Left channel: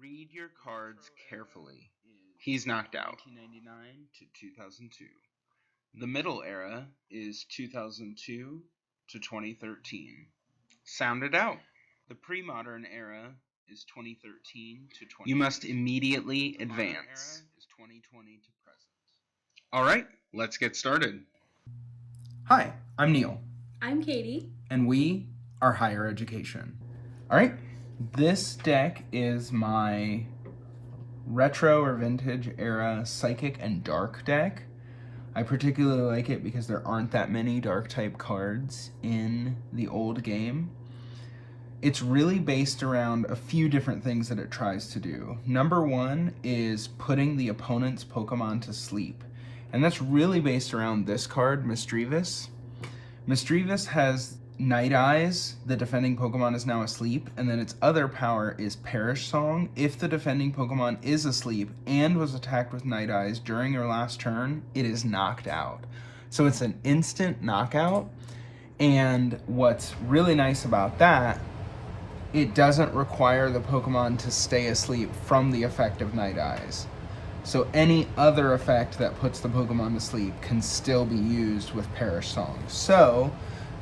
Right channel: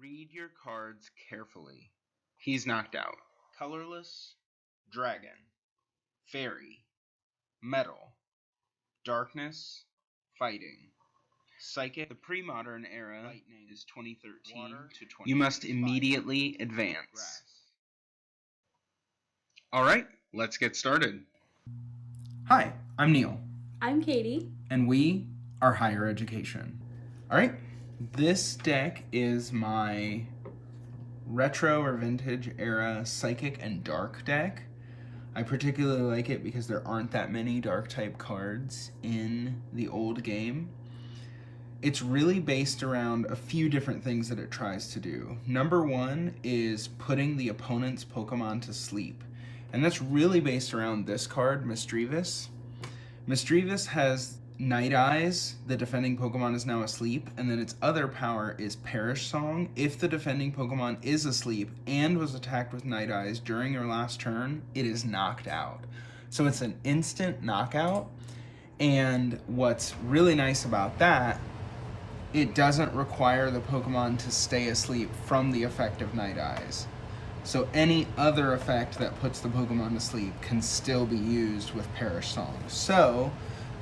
Read your cards carefully. He's knocked out. Colorless, 2000 Dragon. The Middle Era is 2002 to 2013. Fighting. Sound it out. Psychic. The Pre-Modern Era is 2013 to 20. You must immediately advance. 2020 to present. All right, let's get started. Hi, I'm Neal. I'm Kaitie. And we are Higher Education. All right, this deck is my retro or vintage era psychic and dark deck. I particularly like it because there aren't that many dark type cards in the old game. It's really based around a few different things that it tries to do. Number one is putting the opponent's Pokemon to sleep. And that's really based around this card, Misdreavus. Misdreavus has Night Eyes, the defending Pokemon is now asleep, and then its other power is Perish Song. If the defending Pokemon is asleep and was attacked with Night Eyes during your last turn, it is knocked out. So it's an instant knockout, and what's really nice about that, it doesn't require the Pokemon to stay asleep from the effect of Night Eyes. So any other effect that puts the Pokemon to sleep can still be used with Perish Song. So,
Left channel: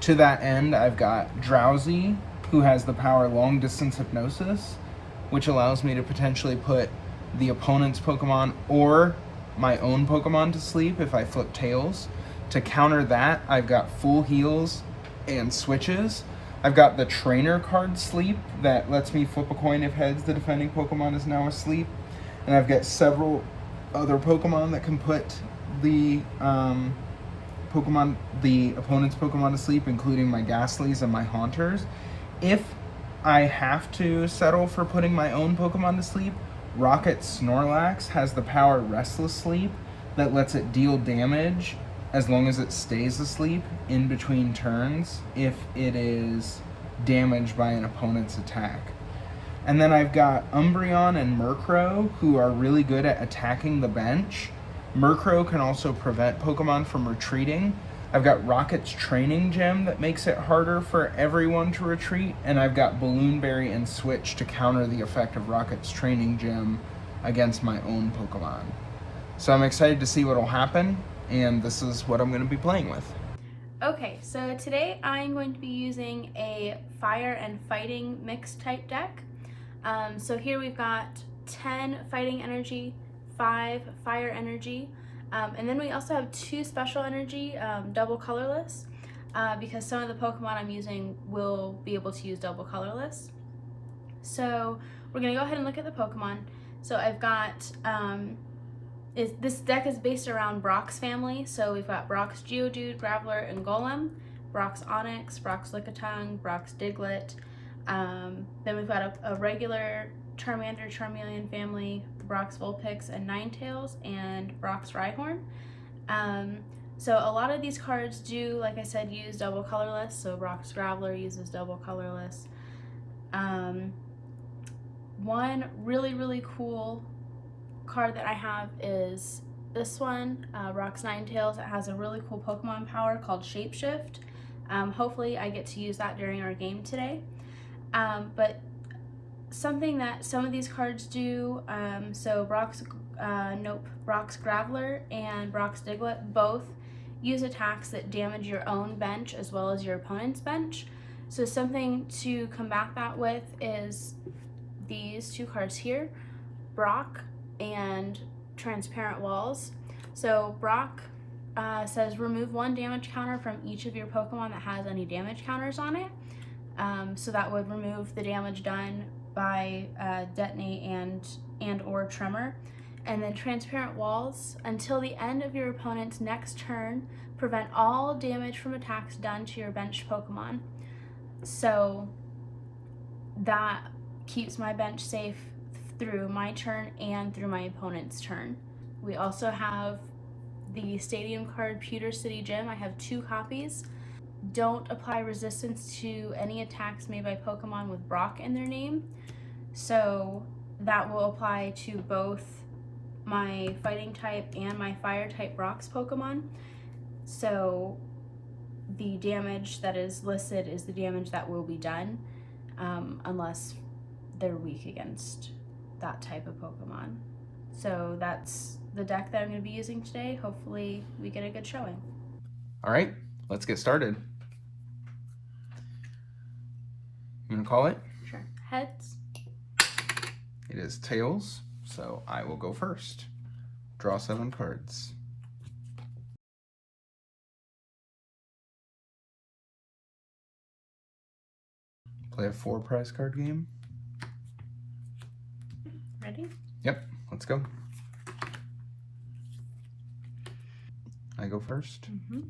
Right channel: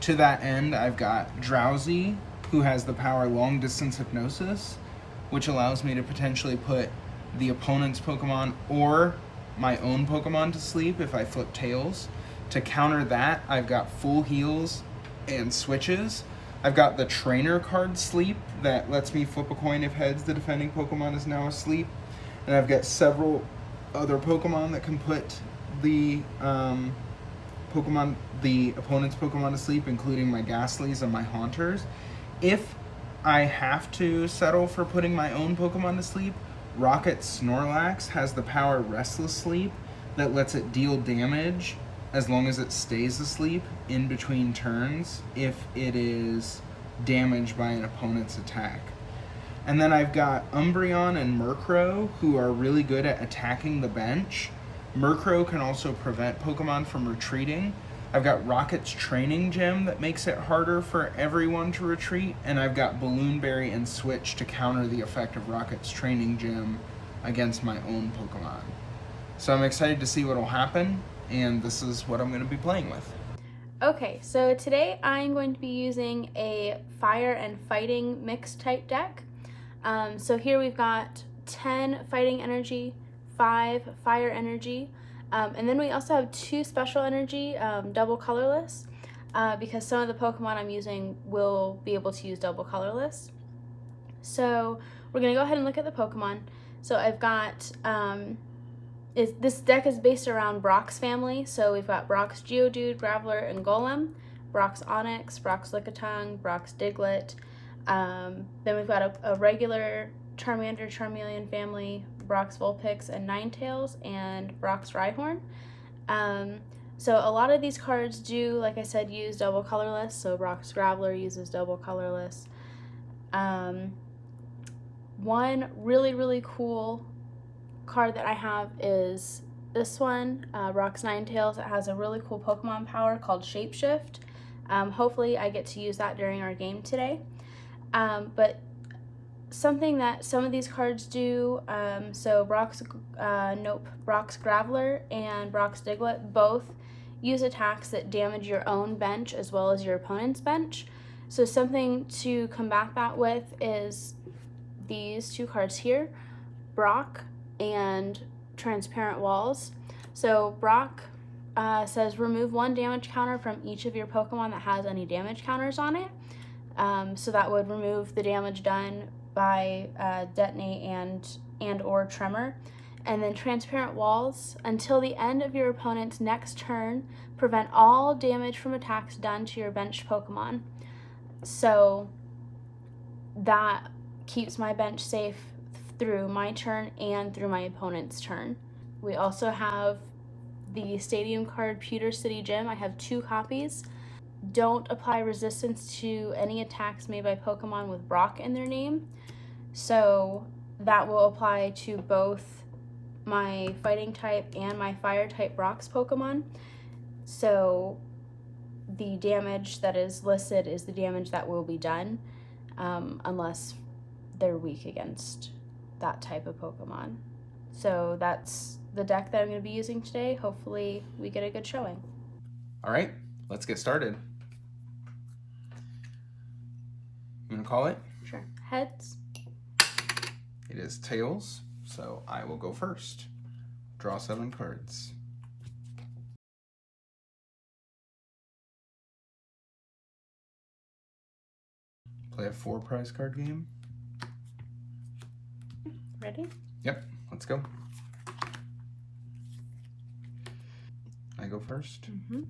to that end, I've got Drowsy, who has the power Long Distance Hypnosis, which allows me to potentially put the opponent's Pokemon or my own Pokemon to sleep if I flip Tails. To counter that, I've got Full Heals and Switches. I've got the Trainer card Sleep that lets me flip a coin if heads the defending Pokemon is now asleep. And I've got several other Pokemon that can put the opponent's Pokemon to sleep, including my Ghastlies and my Haunters. If I have to settle for putting my own Pokemon to sleep, Rocket Snorlax has the power Restless Sleep that lets it deal damage as long as it stays asleep in between turns if it is damaged by an opponent's attack. And then I've got Umbreon and Murkrow, who are really good at attacking the bench. Murkrow can also prevent Pokemon from retreating. I've got Rocket's Training Gem that makes it harder for everyone to retreat. And I've got Balloonberry and Switch to counter the effect of Rocket's Training Gem against my own Pokemon. So I'm excited to see what will happen, and this is what I'm going to be playing with. Okay, so today I'm going to be using a fire and fighting mixed type deck. So here we've got 10 fighting energy, 5 fire energy, and then we also have 2 special energy, double colorless, because some of the Pokemon I'm using will be able to use double colorless. So we're going to go ahead and look at the Pokemon. So I've got, this deck is based around Brock's family, so we've got Brock's Geodude, Graveler, and Golem, Brock's Onix, Brock's Lickitung, Brock's Diglett. Then we've got a regular Charmander, Charmeleon family, Brock's Vulpix and Ninetales, and Brock's Rhyhorn. So a lot of these cards do, like I said, use double colorless. So Brock's Graveler uses double colorless. One really cool card that I have is this one, Brock's Ninetales. It has a really cool Pokemon power called Shapeshift. Hopefully I get to use that during our game today. But something that some of these cards do, so Brock's Graveler and Brock's Diglett both use attacks that damage your own bench as well as your opponent's bench. So something to combat that with is these 2 cards here, Brock and Transparent Walls. So Brock says remove 1 damage counter from each of your Pokemon that has any damage counters on it. So that would remove the damage done by Detonate and or Tremor. And then Transparent Walls, until the end of your opponent's next turn, prevent all damage from attacks done to your bench Pokemon. So that keeps my bench safe through my turn and through my opponent's turn. We also have the Stadium card Pewter City Gym. I have 2 copies. Don't apply resistance to any attacks made by Pokemon with Brock in their name. So that will apply to both my fighting type and my fire type Brock's Pokemon. So the damage that is listed is the damage that will be done, unless they're weak against that type of Pokemon. So that's the deck that I'm going to be using today. Hopefully we get a good showing. All right, let's get started. I'm going to call it. Sure. Heads. It is tails, so I will go first. Draw 7 cards. Play a 4 prize card game. Ready? Yep, let's go. I go first. Mm-hmm.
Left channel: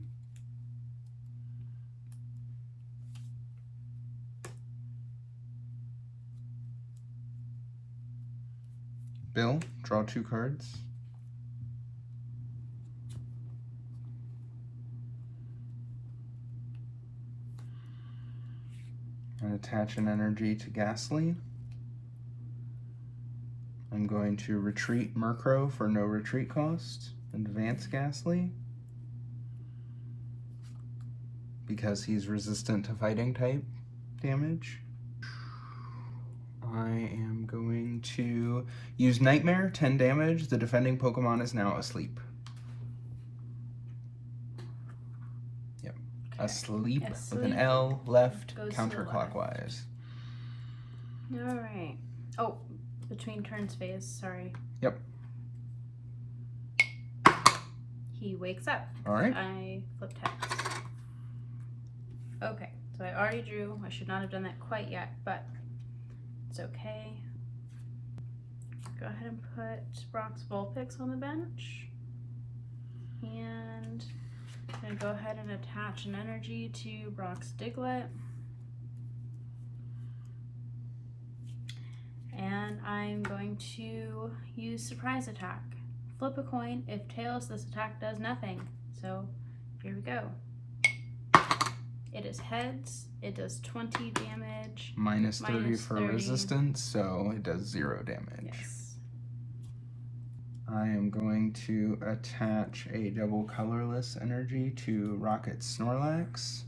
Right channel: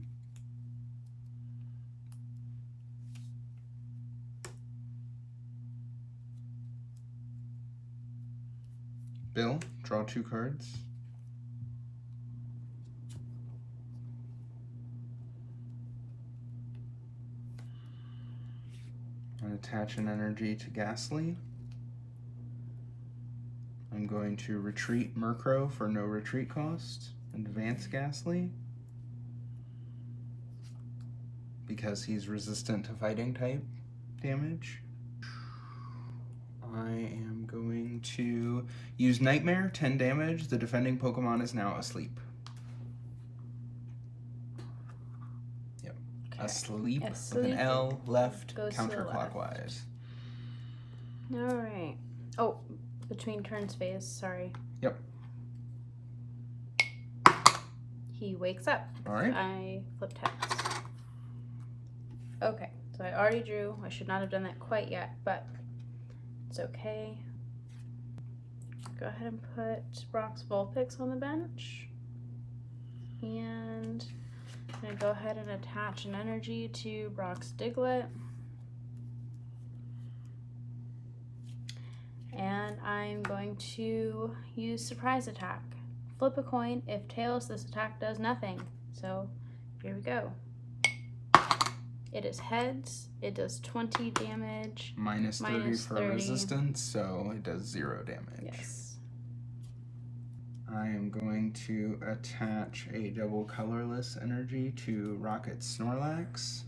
Bill, draw 2 cards. And attach an energy to Ghastly. I'm going to retreat Murkrow for no retreat cost. Advance Ghastly, because he's resistant to fighting type damage. I am going to use Nightmare, 10 damage. The defending Pokemon is now asleep. Yep. Okay. Asleep with an L, left, counterclockwise. Alright. Oh, between turns phase, sorry. Yep. He wakes up. Alright. I flipped heads. Okay, so I already drew. I should not have done that quite yet, but it's okay. Go ahead and put Brock's Vulpix on the bench. And I'm going to go ahead and attach an energy to Brock's Diglett. And I'm going to use Surprise Attack. Flip a coin. If tails, this attack does nothing. So here we go. It is heads. It does 20 damage. Minus 30 for resistance, so it does 0 damage. Yes. I am going to attach a double colorless energy to Rocket Snorlax.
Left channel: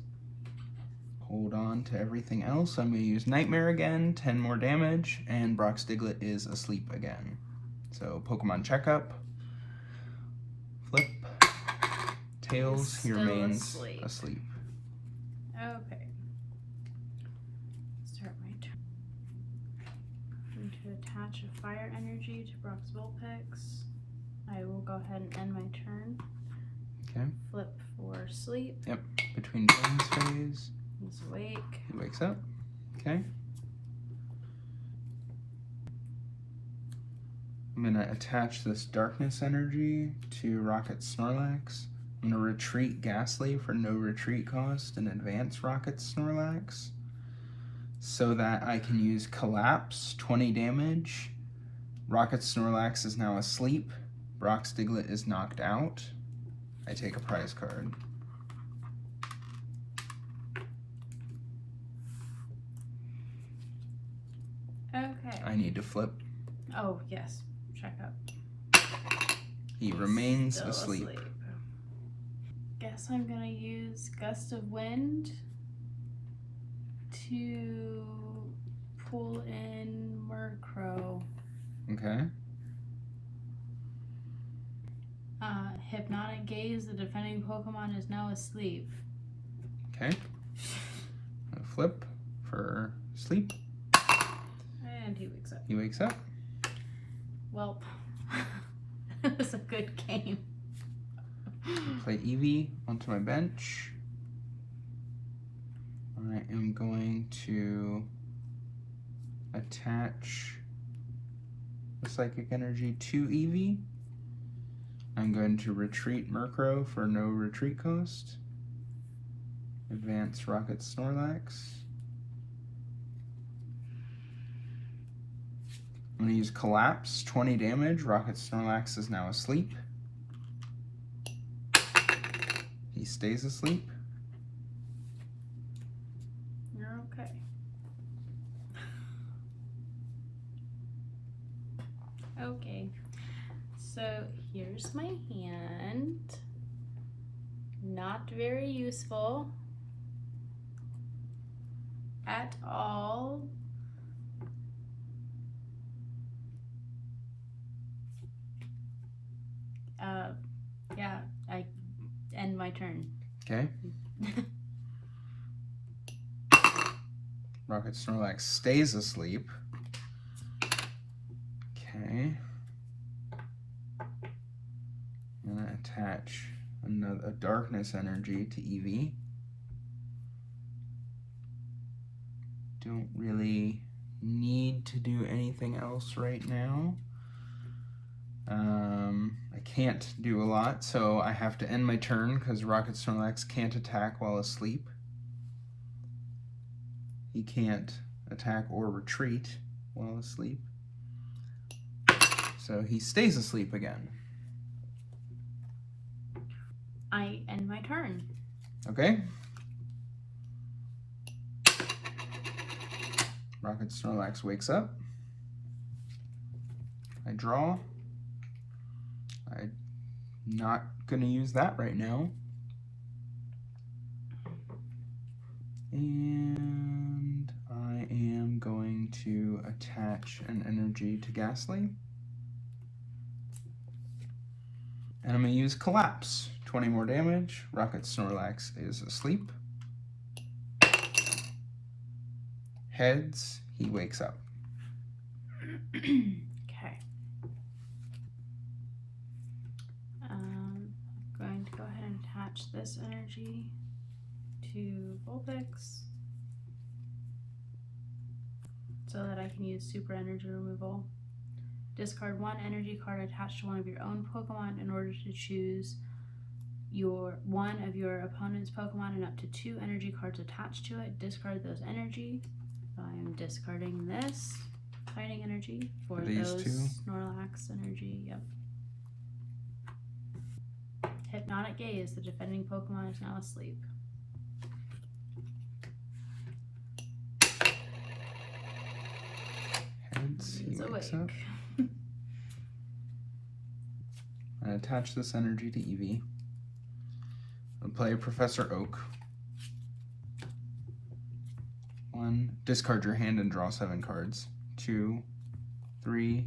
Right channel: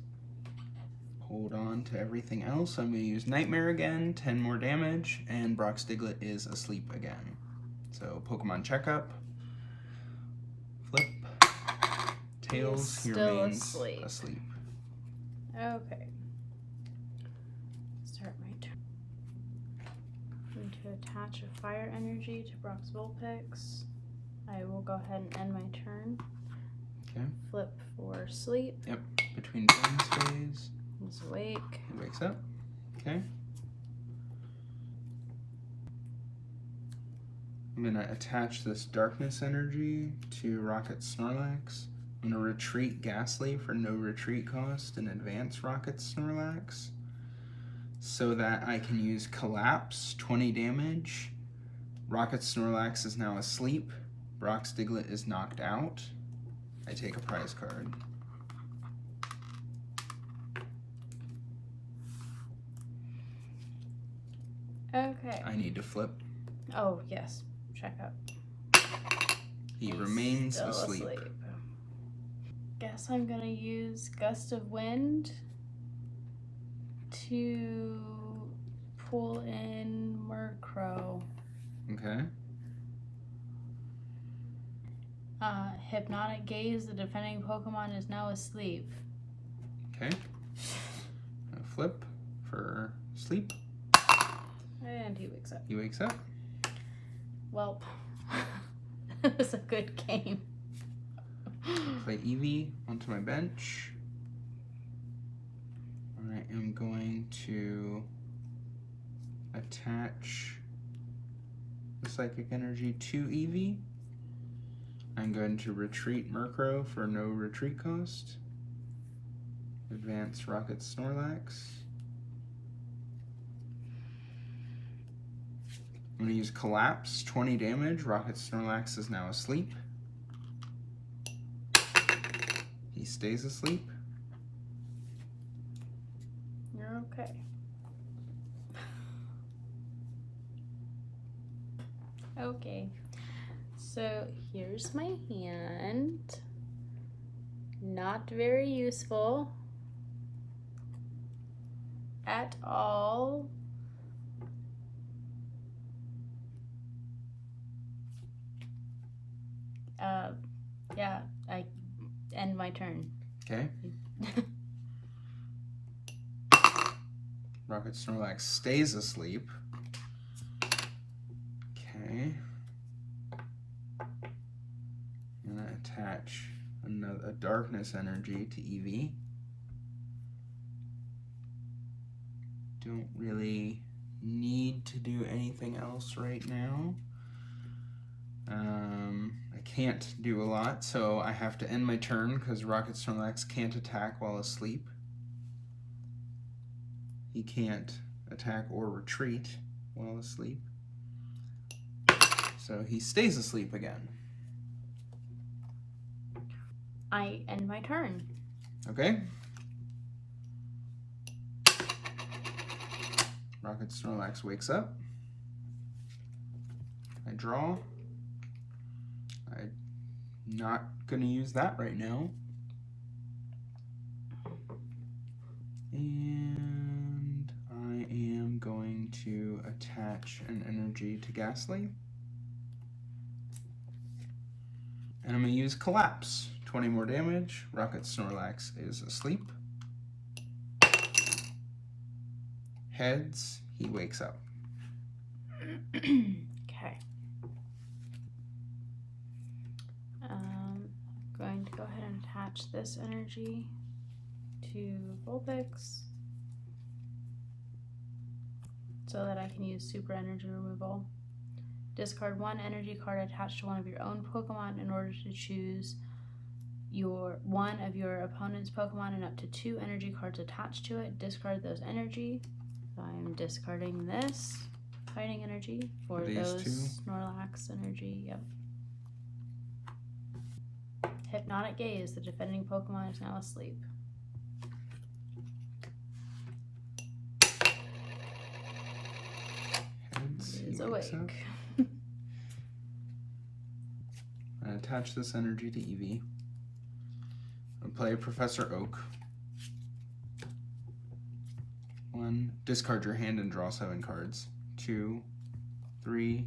Hold on to everything else. I'm going to use Nightmare again, 10 more damage, and Brock's Diglett is asleep again. So Pokemon checkup. Flip. Tails, he remains asleep. Okay. Start my turn. I'm going to attach a fire energy to Brock's Vulpix. I will go ahead and end my turn. Okay. Flip for sleep. Yep. Between turns phase. He's awake. He wakes up. Okay. I'm going to attach this darkness energy to Rocket Snorlax. I'm going to retreat Ghastly for no retreat cost and advance Rocket Snorlax so that I can use Collapse, 20 damage. Rocket Snorlax is now asleep. Brock's Diglett is knocked out. I take a prize card. Okay. I need to flip. Oh, yes. Check up. He remains asleep. Guess I'm going to use Gust of Wind to pull in Murkrow. Okay. Hypnotic Gaze, the defending Pokemon is now asleep. Okay. Flip for sleep. And he wakes up. He wakes up. Well, it was a good game. Play Eevee onto my bench. I am going to attach the Psychic Energy to Eevee. I'm going to retreat Murkrow for no retreat cost. Advance Rocket Snorlax. I'm going to use Collapse, 20 damage. Rocket Snorlax is now asleep. He stays asleep. You're okay. Okay. So here's my hand. Not very useful at all. Okay. Rocket Snorlax stays asleep. Okay. I'm going to attach a darkness energy to Eevee. Don't really need to do anything else right now. I can't do a lot, so I have to end my turn because Rocket Snorlax can't attack while asleep. He can't attack or retreat while asleep. So he stays asleep again. I end my turn. Okay. Rocket Snorlax wakes up. I draw. I'm not going to use that right now. And I am going to attach an energy to Ghastly. And I'm going to use Collapse. 20 more damage. Rocket Snorlax is asleep. Heads, he wakes up. Okay. Going to go ahead and attach this energy to Vulpix so that I can use super energy removal. Discard one energy card attached to one of your own Pokemon in order to choose one of your opponent's Pokemon and up to 2 energy cards attached to it. Discard those energy. So I'm discarding this fighting energy for those two. Snorlax energy. Yep. Hypnotic Gaze. The defending Pokemon is now asleep. He is awake. I attach this energy to Eevee. I'll play Professor Oak. 1. Discard your hand and draw 7 cards. 2, 3,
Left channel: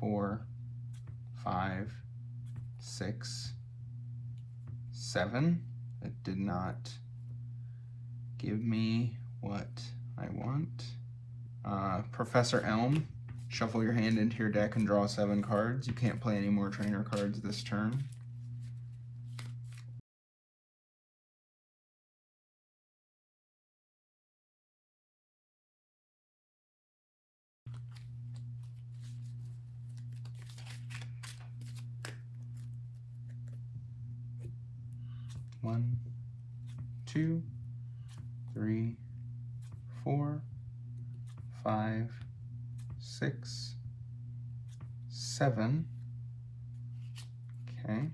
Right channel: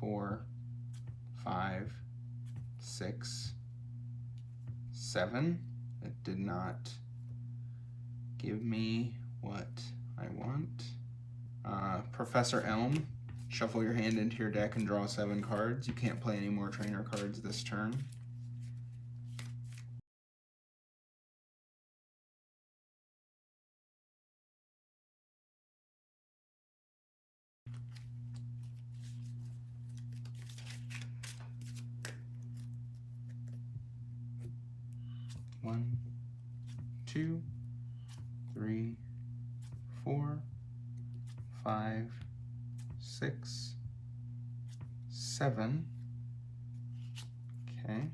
4, 5, 6, 7. It did not give me what I want. Professor Elm. Shuffle your hand into your deck and draw 7 cards. You can't play any more trainer cards this turn. One, 2, 3, 4, 5, 6, 7. Okay.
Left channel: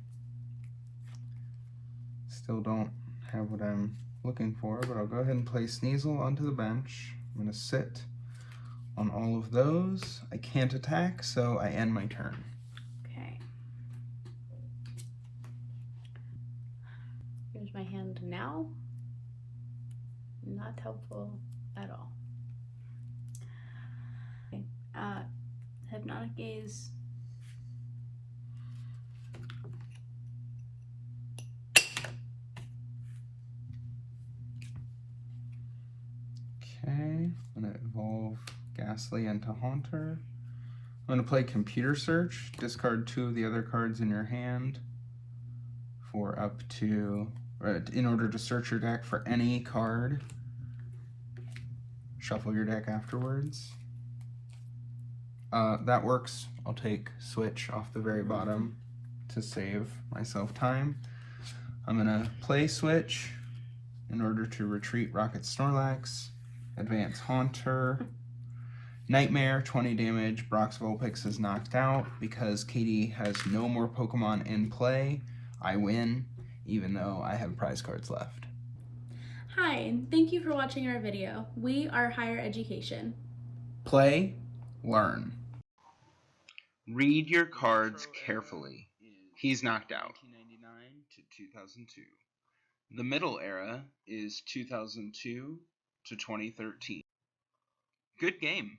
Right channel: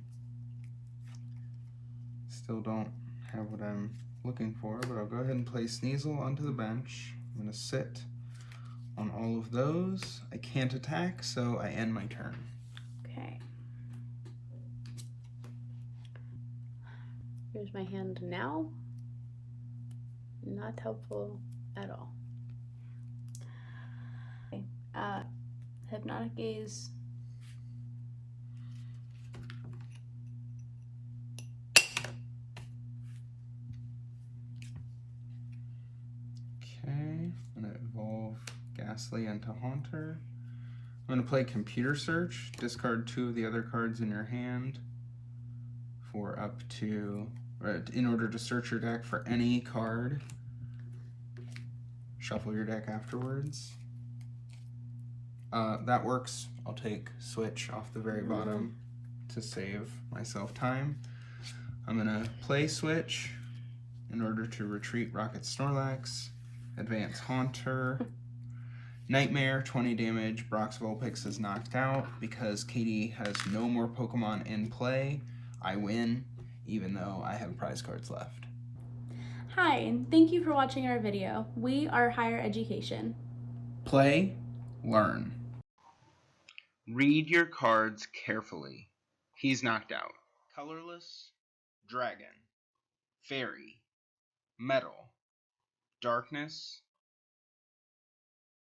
Still don't have what I'm looking for, but I'll go ahead and place Sneasel onto the bench. I'm going to sit on all of those. I can't attack, so I end my turn. Okay. Here's my hand now. Not helpful at all. Okay. Hypnotic Gaze. Okay, I'm going to evolve Ghastly into Haunter. I'm going to play Computer Search. Discard 2 of the other cards in your hand for up to, in order to search your deck for any card. Shuffle your deck afterwards. That works. I'll take Switch off the very bottom to save myself time. I'm going to play Switch in order to retreat Rocket Snorlax, advance Haunter, Nightmare, 20 damage. Brock's Vulpix is knocked out. Because Kaitie has no more Pokemon in play, I win, even though I have prize cards left. Hi, thank you for watching our video. We are Higher Education. Play, learn. Read your cards carefully. He's knocked out. Colorless, 2000 Dragon. The middle era is 2002 to 2013. Good game.